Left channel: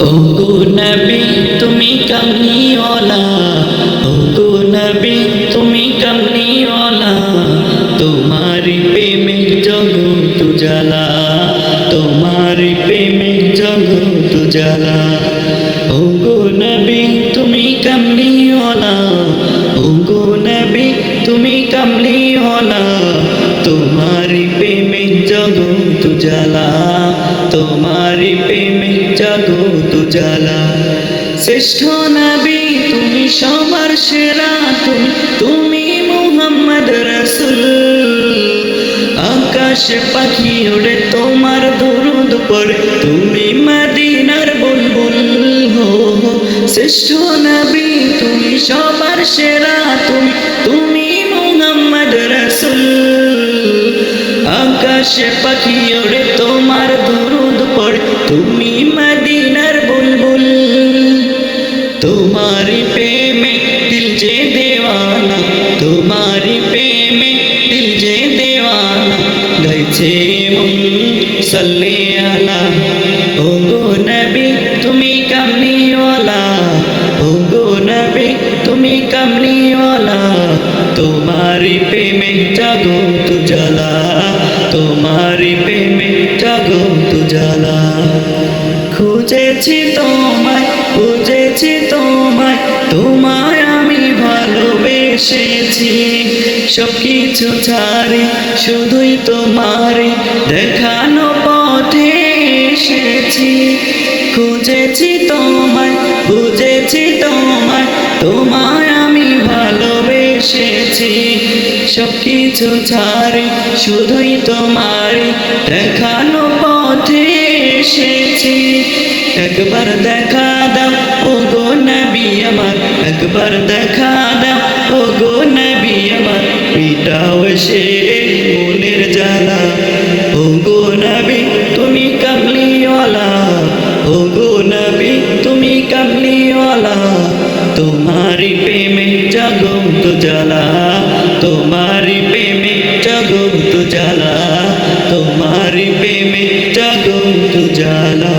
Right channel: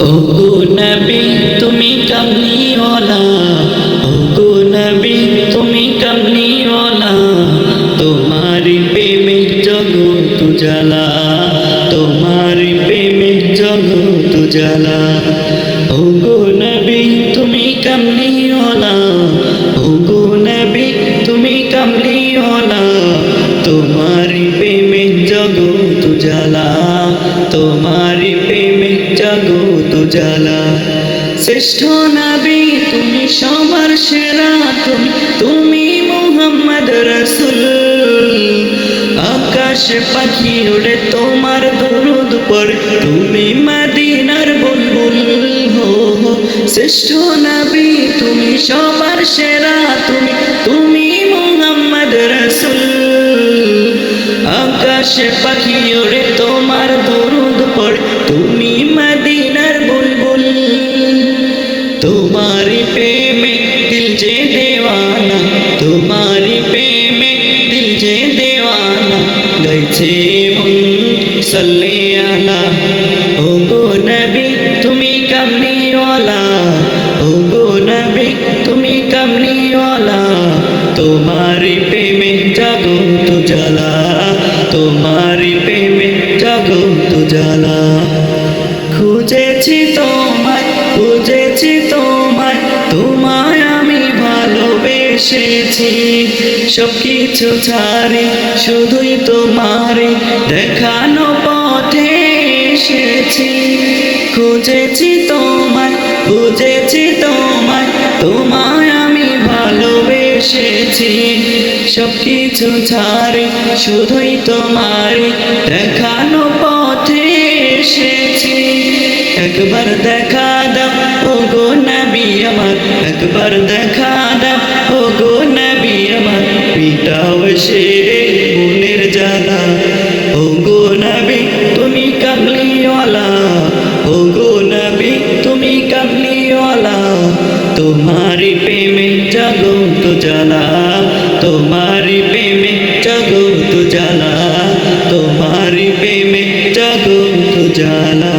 ওগো নবী তুমি কমলিওয়ালা, ওগো নবী তুমি কমলিওয়ালা, তোমারি প্রেমে জগৎ জ্বালা, তোমারি প্রেমে জগৎ জ্বালা। ওগো নবী তুমি কমলিওয়ালা, ওগো নবী তুমি কমলিওয়ালা, তোমারি প্রেমে জগৎ জ্বালা, তোমারি প্রেমে জগৎ জ্বালা। শ্রেষ্ঠ নবী তুমি সবার সেরা, তুমি মুহাম্মদ রাসূল। আকাশে পাখি ওড়ে তোমার দরুদ পড়ে, তুমি মদিনার বুলবুল হো। শ্রেষ্ঠ নবী তুমি সবার সেরা, তুমি মুহাম্মদ রাসূল। আকাশে পাখি ওড়ে তোমার দরুদ পড়ে, তুমি মদিনার বুলবুল। তোমারি প্রেমে দিল যে দেওয়ানা, তোমারি প্রেমে দিল যে দেওয়ানা, গাইছে মন সাল্লে আলা। ওগো নবী তুমি কমলিওয়ালা, ওগো নবী তুমি কমলিওয়ালা, তোমারি প্রেমে জগৎ জ্বালা, তোমারি প্রেমে জগৎ জ্বালা। খুঁজেছি তোমায়, খুঁজেছি তোমায়, তোমায় আমি ভালোবেসেছি। সব কিছু ছাড়ি শুধুই তোমারে দেখানো পথে এসেছি। খুঁজেছি তোমায়, খুঁজেছি তোমায়, তোমায় আমি ভালোবেসেছি। সব কিছু ছাড়ি শুধুই তোমারে দেখানো পথে এসেছি। একবার দেখা দাও ওগো নবী আমার, একবার দেখা দাও ওগো নবী আমার, মিটাও সে মনের জ্বালা। ওগো নবী তুমি কমলিওয়ালা, ওগো নবী তুমি কমলিওয়ালা, তোমারি প্রেমে জগৎ জ্বালা, তোমারি প্রেমে জগৎ জ্বালা, তোমারি প্রেমে জগৎ জ্বালা।